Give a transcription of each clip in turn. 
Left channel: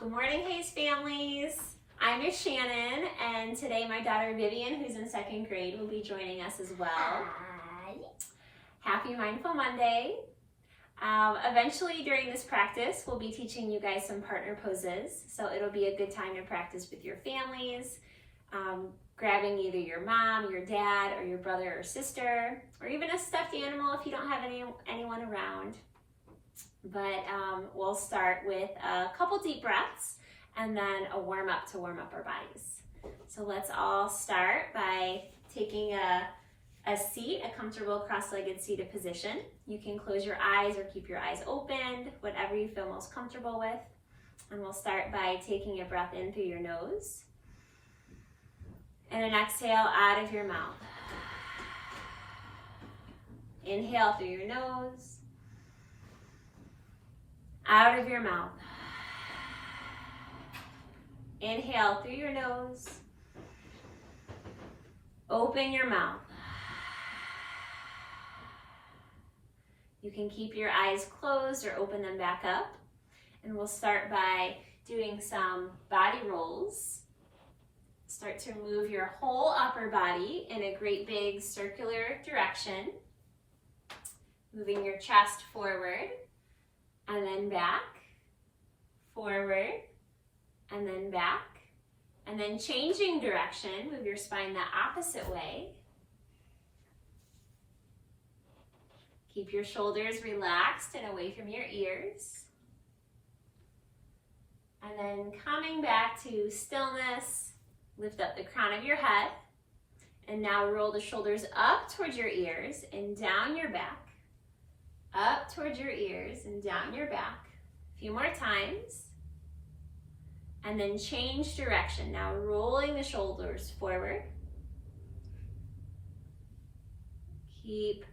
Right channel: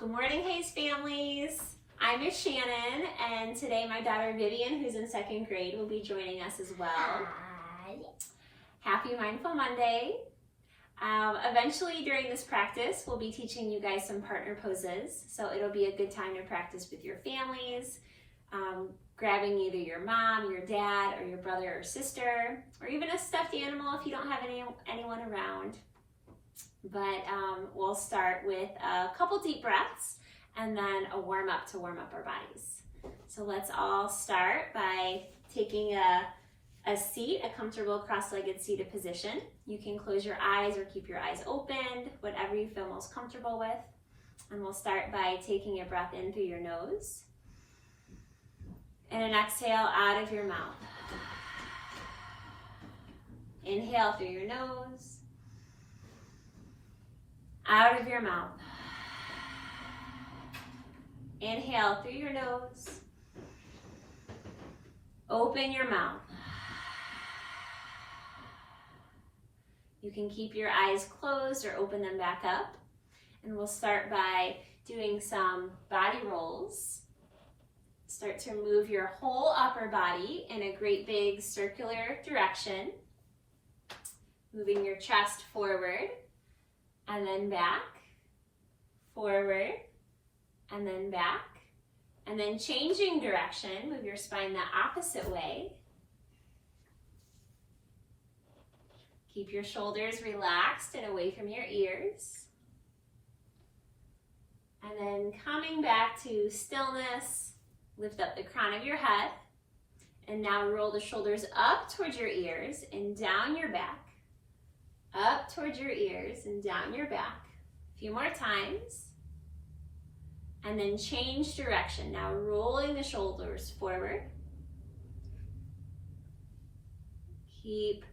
Good morning, Hayes families. I'm Miss Shannon, and today my daughter Vivian, who's in second grade, will be joining us as well. Hi. Happy Mindful Monday. Eventually during this practice, we'll be teaching you guys some partner poses, so it'll be a good time to practice with your families, grabbing either your mom, your dad, or your brother or sister, or even a stuffed animal if you don't have anyone around. But we'll start with a couple deep breaths and then a warm up to warm up our bodies. So let's all start by taking a seat, a comfortable cross-legged seated position. You can close your eyes or keep your eyes open, whatever you feel most comfortable with. And we'll start by taking a breath in through your nose and an exhale out of your mouth. Inhale through your nose, out of your mouth. Inhale through your nose, open your mouth. You can keep your eyes closed or open them back up. And we'll start by doing some body rolls. Start to move your whole upper body in a great big circular direction. Moving your chest forward and then back, forward and then back. And then changing direction, move your spine the opposite way. Keep your shoulders relaxed and away from your ears. And then coming back to stillness, lift up the crown of your head. And now roll the shoulders up towards your ears and down your back. Up towards your ears and down your back. A few more times. And then change direction. Now rolling the shoulders forward. Keep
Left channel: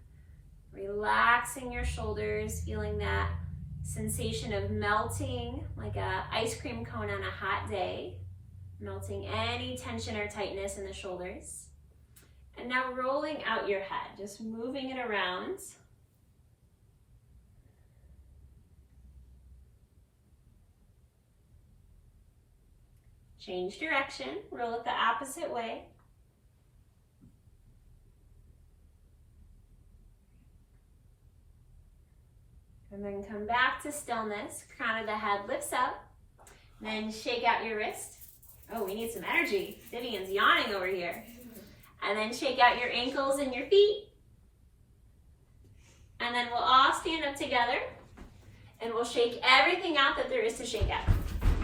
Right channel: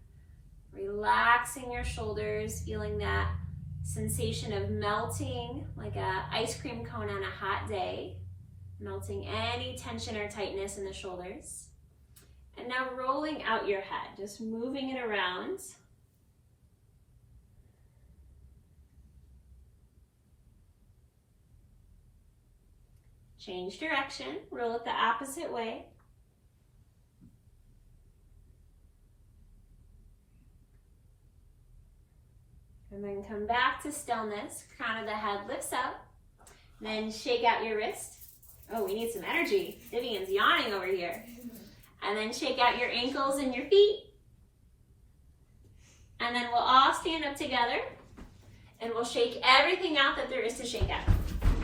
relaxing your shoulders, feeling that sensation of melting like an ice cream cone on a hot day, melting any tension or tightness in the shoulders. And now rolling out your head, just moving it around. Change direction, roll it the opposite way. And then come back to stillness. Crown of the head lifts up. Then shake out your wrist. Oh, we need some energy. Vivian's yawning over here. And then shake out your ankles and your feet. And then we'll all stand up together. And we'll shake everything out that there is to shake out.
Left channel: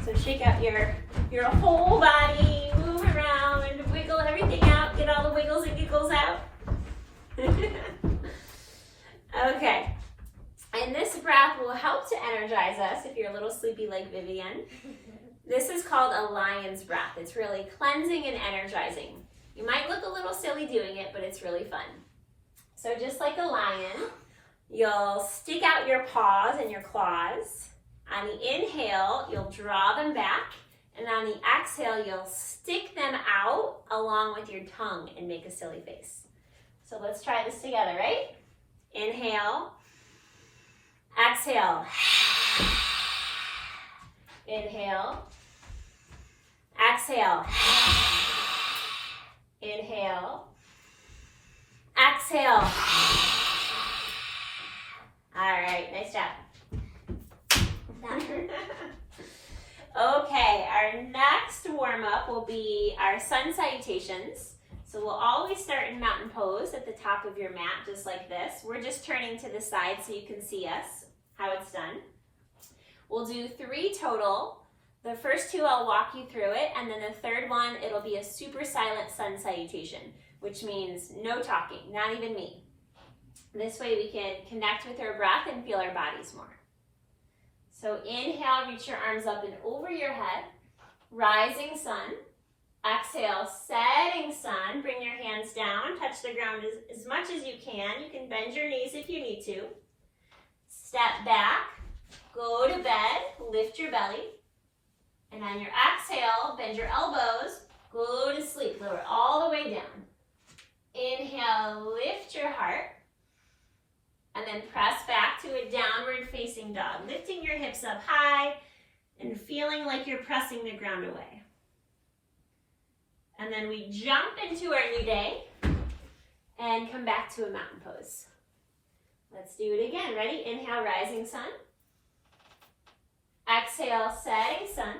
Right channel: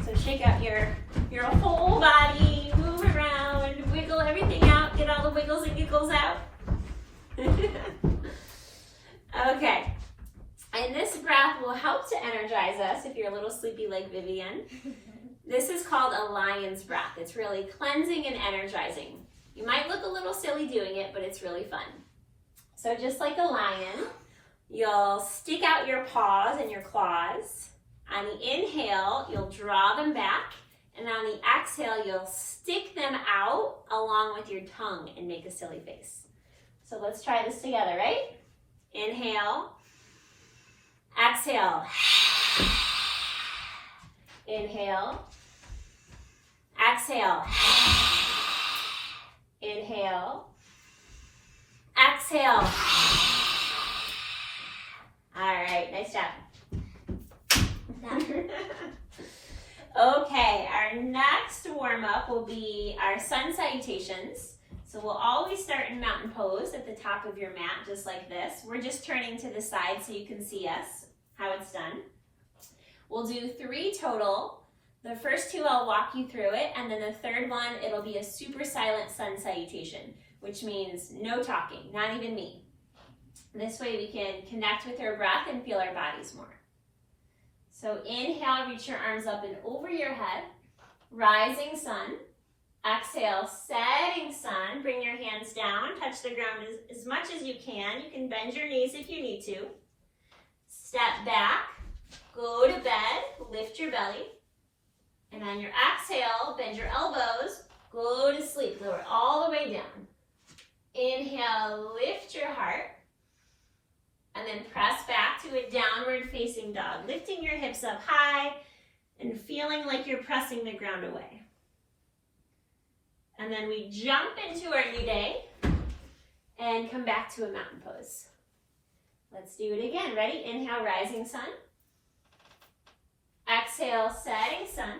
So shake out your whole body. Move around. Wiggle everything out. Get all the wiggles and giggles out. Okay. And this breath will help to energize us if you're a little sleepy like Vivian. This is called a lion's breath. It's really cleansing and energizing. You might look a little silly doing it, but it's really fun. So just like a lion, you'll stick out your paws and your claws. On the inhale, you'll draw them back. And on the exhale, you'll stick them out along with your tongue and make a silly face. So let's try this together, right? Inhale. Exhale. Inhale. Exhale. Inhale. Exhale. All right, nice job. Okay, our next warm-up will be our sun salutations. So we'll always start in mountain pose at the top of your mat, just like this. We're just turning to the side so you can see us, how it's done. We'll do 3 total. The first 2, I'll walk you through it, and then the third one, it'll be a super silent sun salutation, which means no talking, not even me. This way we can connect with our breath and feel our bodies more. So inhale, reach your arms up and over your head, rising sun. Exhale, setting sun. Bring your hands down, touch the ground as much as you can. You can bend your knees if you need to. Step back, go to bed, lift your belly. And on your exhale, bend your elbows, go to sleep. Lower all the way down. Inhale, lift your heart. And then press back to a downward facing dog, lifting your hips up high, and feeling like you're pressing the ground away. And then we jump into our new day and come back to a mountain pose. Let's do it again. Ready? Inhale, rising sun. Exhale, setting sun.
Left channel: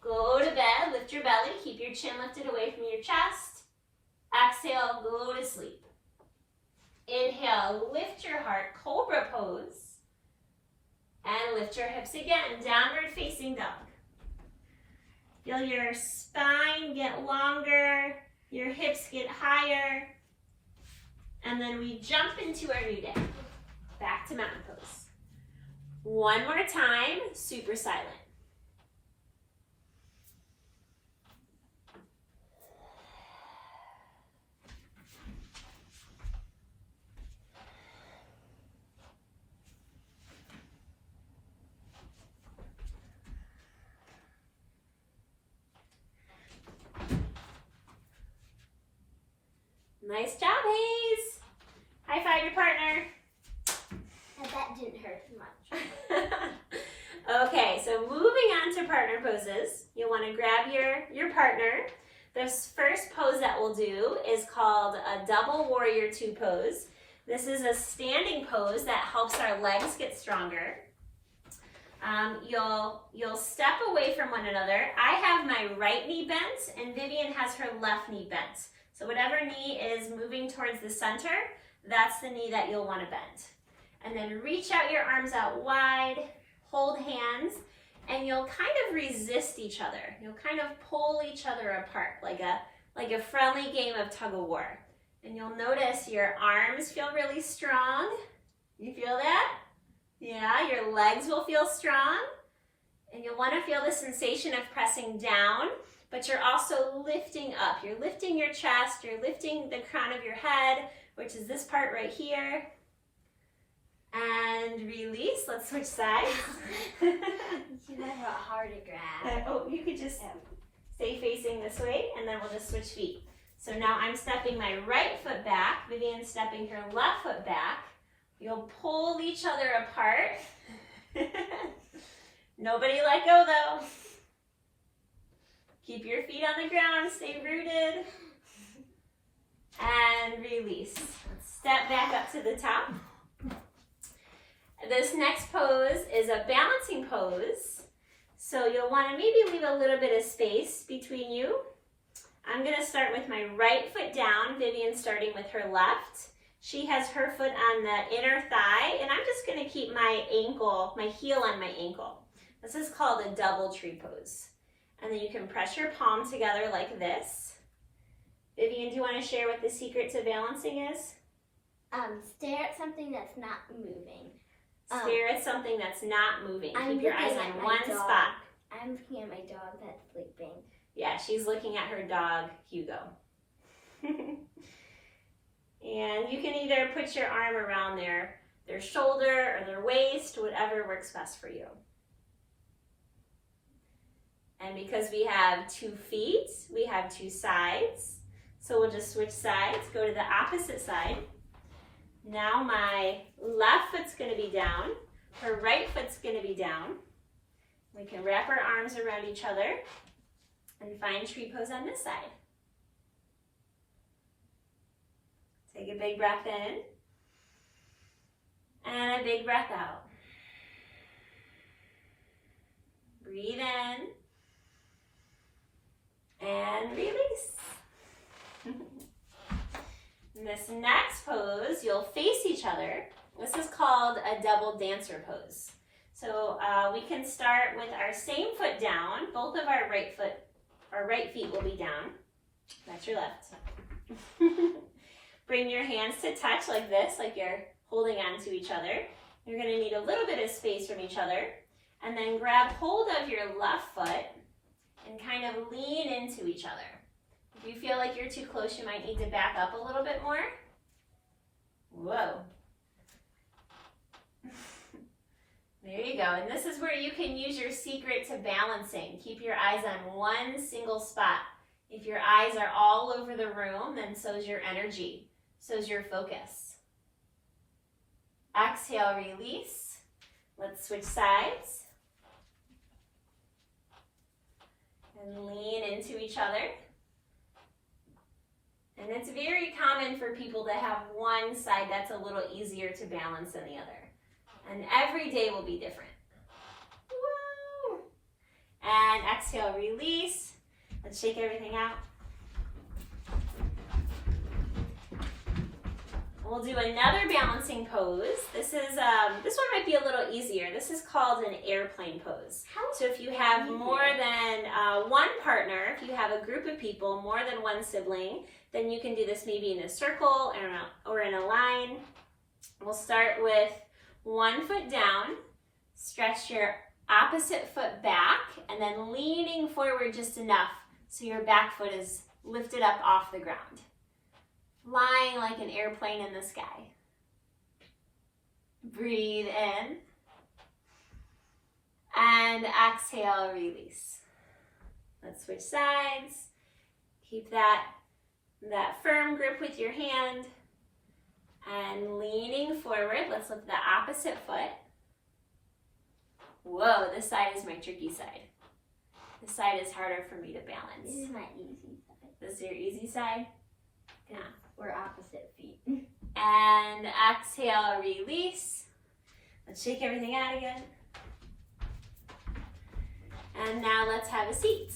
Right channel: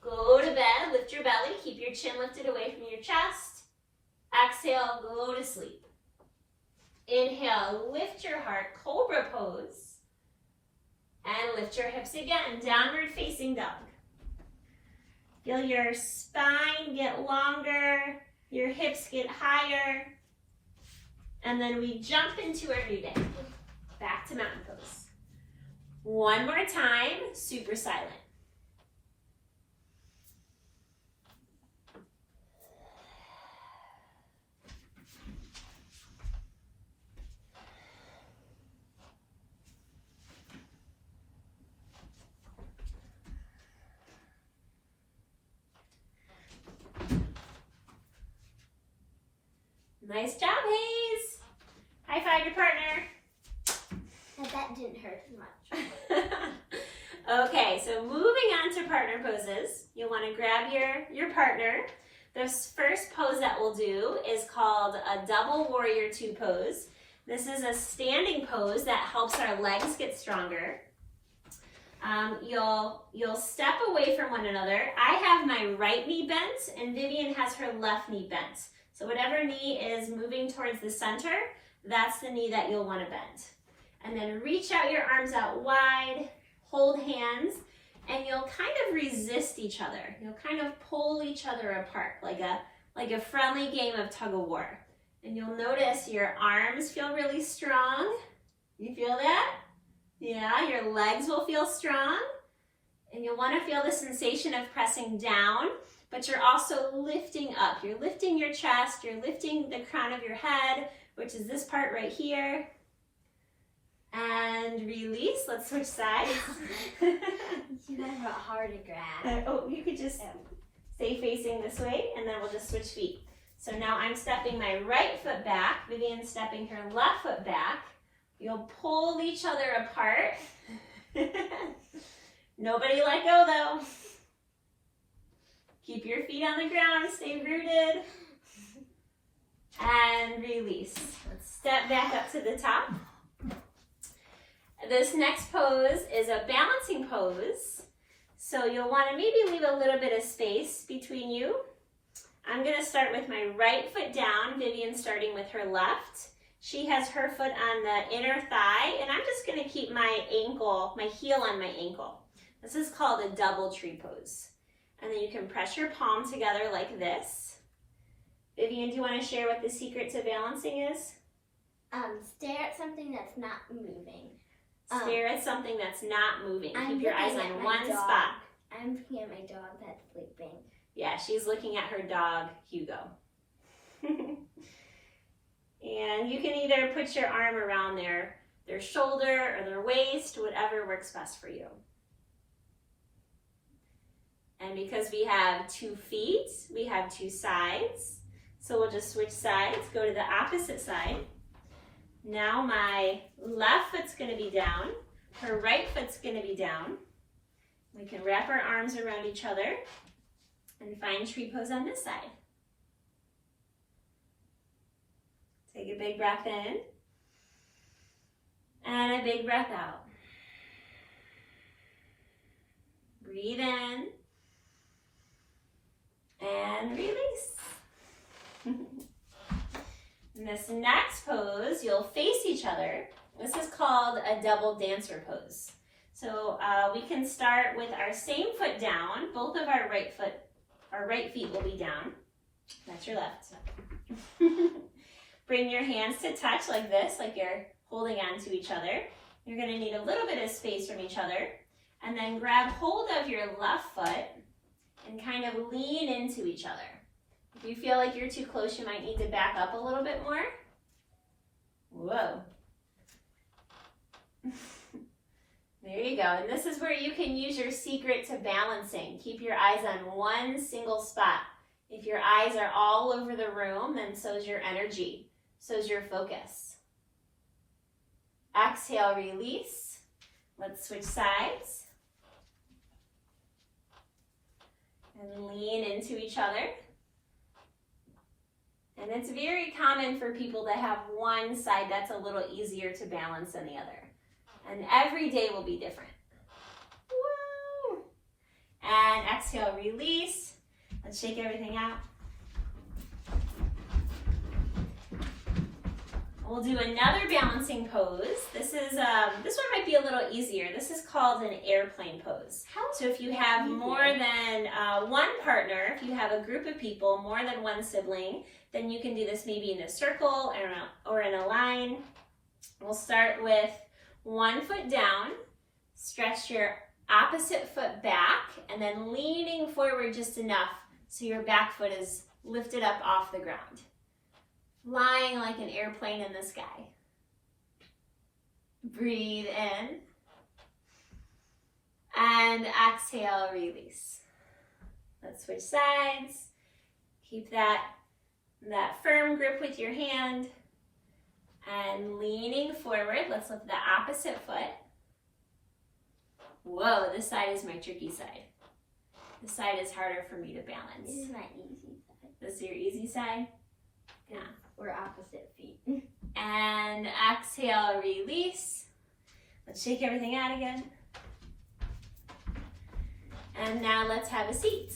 Go to bed, lift your belly, keep your chin lifted away from your chest. Exhale, go to sleep. Inhale, lift your heart, cobra pose. And lift your hips again, downward facing dog. Feel your spine get longer, your hips get higher. And then we jump into our new day. Back to mountain pose. One more time, super silent. Nice job, Hayes. High five your partner. And that didn't hurt much. Okay, so moving on to partner poses, you'll want to grab your partner. This first pose that we'll do is called a double warrior two pose. This is a standing pose that helps our legs get stronger. You'll step away from one another. I have my right knee bent and Vivian has her left knee bent. So whatever knee is moving towards the center, that's the knee that you'll want to bend. And then reach out your arms out wide, hold hands, and you'll kind of resist each other. You'll kind of pull each other apart like a friendly game of tug of war. And you'll notice your arms feel really strong. You feel that? Yeah, your legs will feel strong. And you'll want to feel the sensation of pressing down, but you're also lifting up. You're lifting your chest, you're lifting the crown of your head, which is this part right here. And release. Let's switch sides. You have it hard to grab. You could just stay facing this way, and then we'll just switch feet. So now I'm stepping my right foot back. Vivian's stepping her left foot back. You'll pull each other apart. Nobody let go though. Keep your feet on the ground, stay rooted. And release. Let's step back up to the top. This next pose is a balancing pose. So you'll want to maybe leave a little bit of space between you. I'm going to start with my right foot down, Vivian starting with her left. She has her foot on the inner thigh, and I'm just going to keep my ankle, my heel on my ankle. This is called a double tree pose. And then you can press your palm together like this. Vivian, do you want to share what the secret to balancing is? Stare at something that's not moving. Stare at something that's not moving. I'm Keep your eyes looking on at one my dog. spot. I'm looking at my dog that's sleeping. Yeah, she's looking at her dog, Hugo. And you can either put your arm around their shoulder or their waist, whatever works best for you. And because we have 2 feet, we have 2 sides. So we'll just switch sides, go to the opposite side. Now my left foot's going to be down, her right foot's going to be down. We can wrap our arms around each other and find tree pose on this side. Take a big breath in and a big breath out. Breathe in and release. In this next pose, you'll face each other. This is called a double dancer pose. So we can start with our same foot down. Both of our right feet will be down. That's your left. Bring your hands to touch like this, like you're holding on to each other. You're going to need a little bit of space from each other. And then grab hold of your left foot and kind of lean into each other. If you feel like you're too close, you might need to back up a little bit more. Whoa. There you go. And this is where you can use your secret to balancing. Keep your eyes on one single spot. If your eyes are all over the room, then so's your energy, so's your focus. Exhale, release. Let's switch sides. And lean into each other. And it's very common for people to have one side that's a little easier to balance than the other. And every day will be different. Woo! And exhale, release. Let's shake everything out. We'll do another balancing pose. This one might be a little easier. This is called an airplane pose. So if you have more than one partner, if you have a group of people, more than one sibling, then you can do this maybe in a circle or in a line. We'll start with one foot down, stretch your opposite foot back, and then leaning forward just enough so your back foot is lifted up off the ground. Flying like an airplane in the sky. Breathe in. And exhale, release. Let's switch sides. Keep that firm grip with your hand. And leaning forward, let's lift the opposite foot. Whoa, this side is my tricky side. This side is harder for me to balance. This is my easy side. This is your easy side? Yeah. We're opposite feet. And exhale, release. Let's shake everything out again. And now let's have a seat.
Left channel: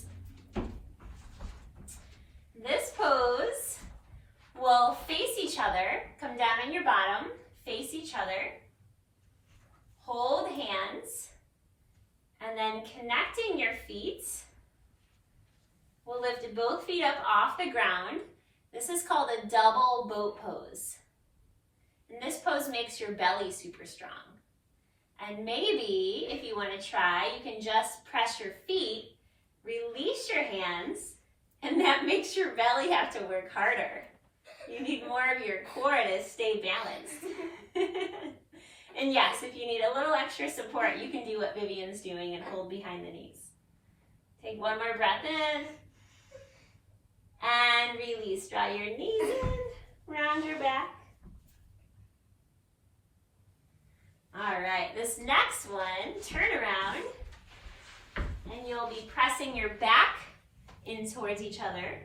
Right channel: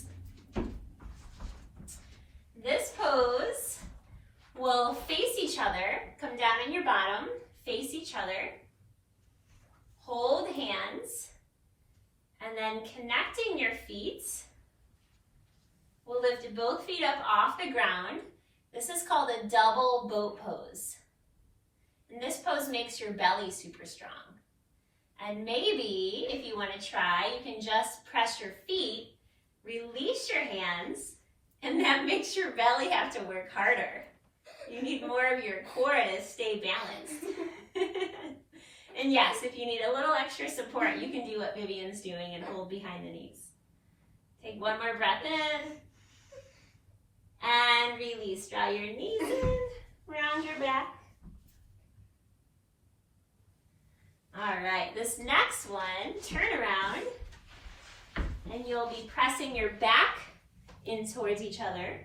This pose will face each other. Come down on your bottom, face each other. Hold hands. And then connecting your feet. We'll lift both feet up off the ground. This is called a double boat pose. And this pose makes your belly super strong. And maybe, if you want to try, you can just press your feet, release your hands, and that makes your belly have to work harder. You need more of your core to stay balanced. And yes, if you need a little extra support, you can do what Vivian's doing and hold behind the knees. Take one more breath in. And release. Draw your knees in, round your back. All right, this next one, turn around, and you'll be pressing your back in towards each other.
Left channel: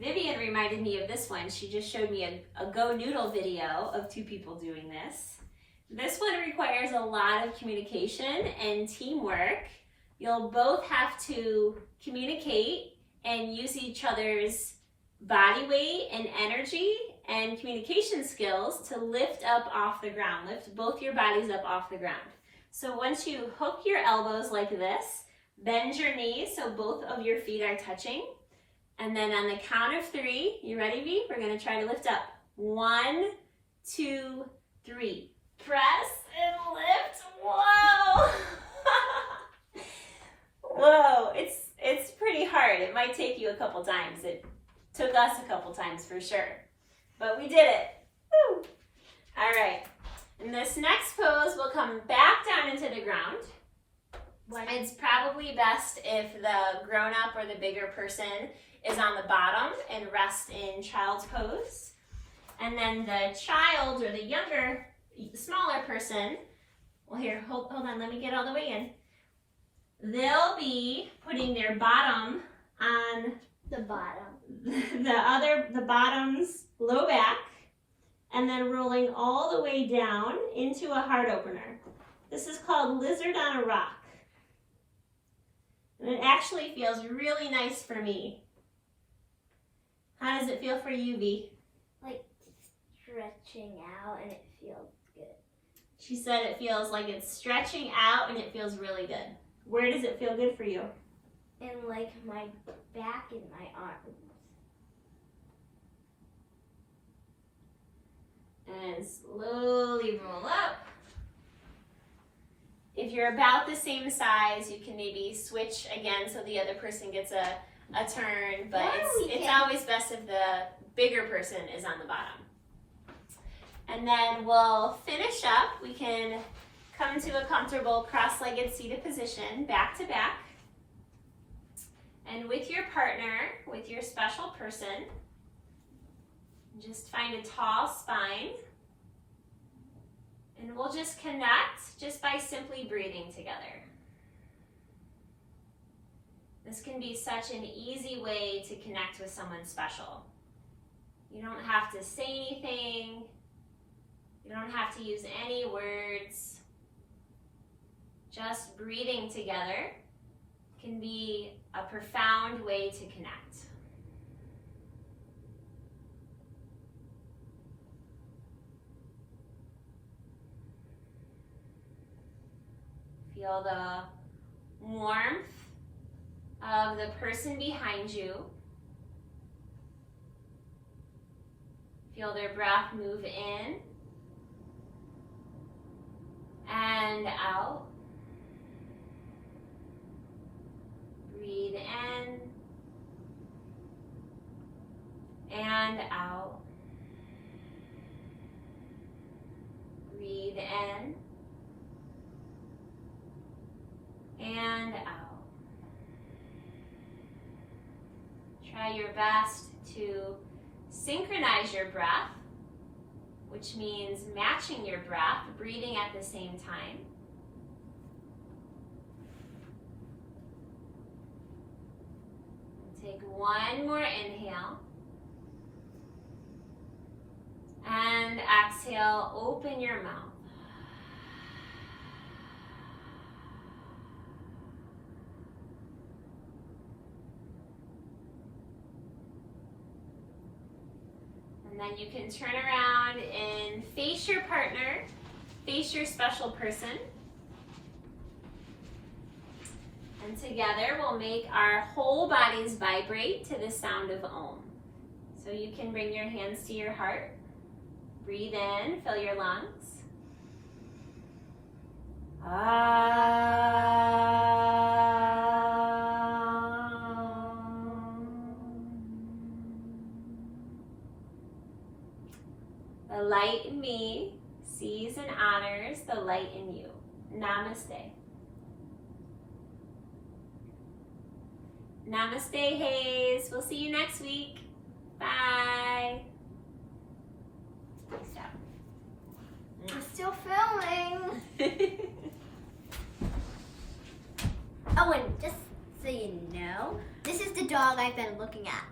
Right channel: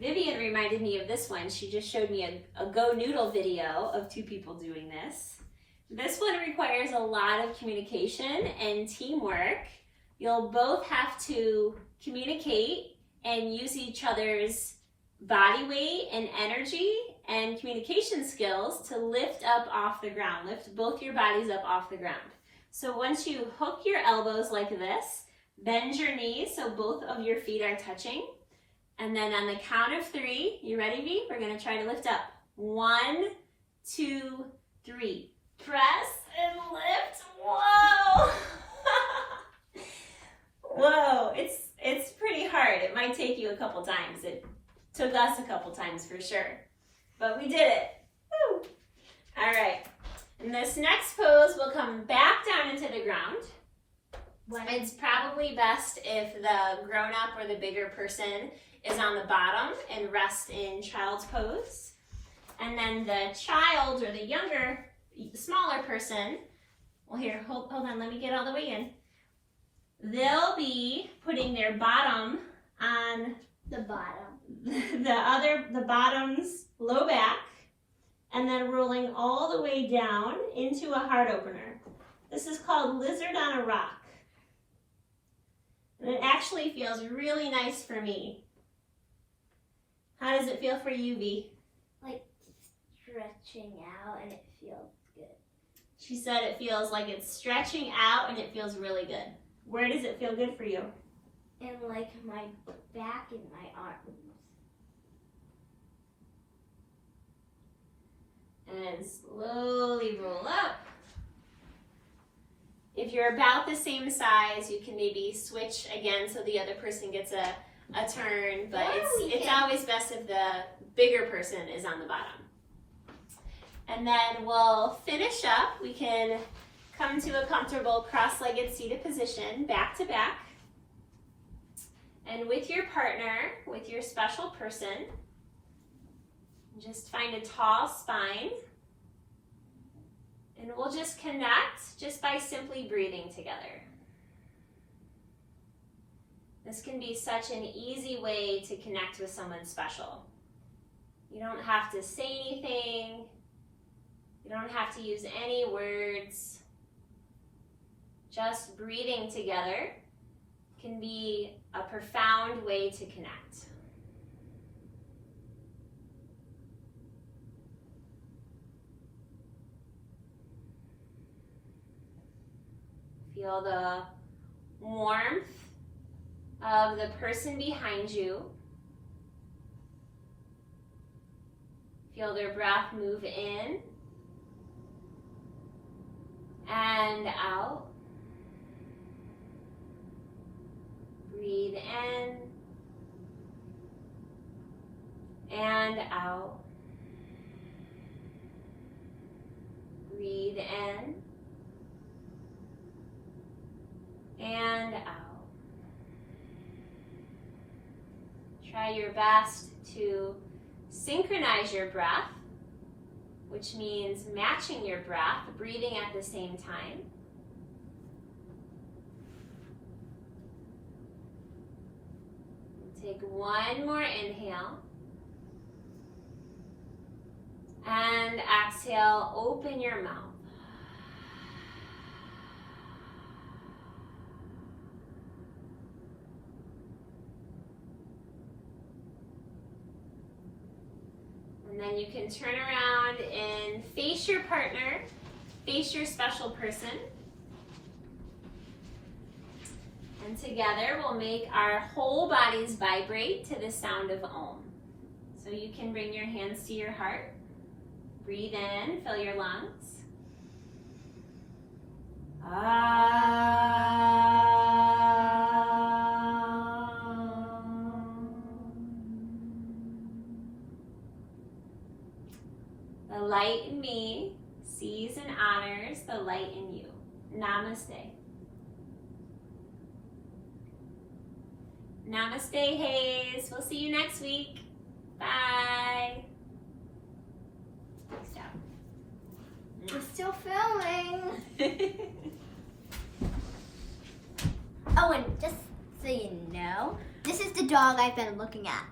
Vivian reminded me of this one. She just showed me a Go Noodle video of two people doing this. This one requires a lot of communication and teamwork. You'll both have to communicate and use each other's body weight and energy and communication skills to lift up off the ground. Lift both your bodies up off the ground. So once you hook your elbows like this, bend your knees so both of your feet are touching. And then on the count of 3, you ready, V? We're gonna try to lift up. 1, 2, 3. Press and lift. Whoa! Whoa, it's pretty hard. It might take you a couple times. It took us a couple times for sure. But we did it. Woo! All right. And this next pose will come back down into the ground. It's probably best if the grown-up or the bigger person is on the bottom and rest in child's pose. And then the child or the younger, smaller person, well here, hold on, let me get all the way in. They'll be putting their bottom on The bottom. the bottom's low back, and then rolling all the way down into a heart opener. This is called Lizard on a Rock. And it actually feels really nice for me. How does it feel for you, V? Like stretching out, and it feels good. She said it feels like it's stretching out and it feels really good. Where does it feel good for you? And like my back and my arms. And slowly roll up. If you're about the same size, you can maybe switch again so the other person gets a turn, but it's always best if the bigger person is on the bottom. And then we'll finish up. We can come to a comfortable cross-legged seated position, back to back. And with your partner, with your special person, just find a tall spine. And we'll just connect just by simply breathing together. This can be such an easy way to connect with someone special. You don't have to say anything. You don't have to use any words. Just breathing together can be a profound way to connect. Feel the warmth of the person behind you. Feel their breath move in and out. Breathe in and out. Breathe in and out. Try your best to synchronize your breath, which means matching your breath, breathing at the same time. Take one more inhale. And exhale, open your mouth. And then you can turn around and face your partner, face your special person. And together we'll make our whole bodies vibrate to the sound of Om. So you can bring your hands to your heart. Breathe in, fill your lungs. The light in me sees and honors the light in you. Namaste. Namaste, Hayes. We'll see you next week. Bye. Stop. I'm still filming. Oh, and just so you know, this is the dog I've been looking at.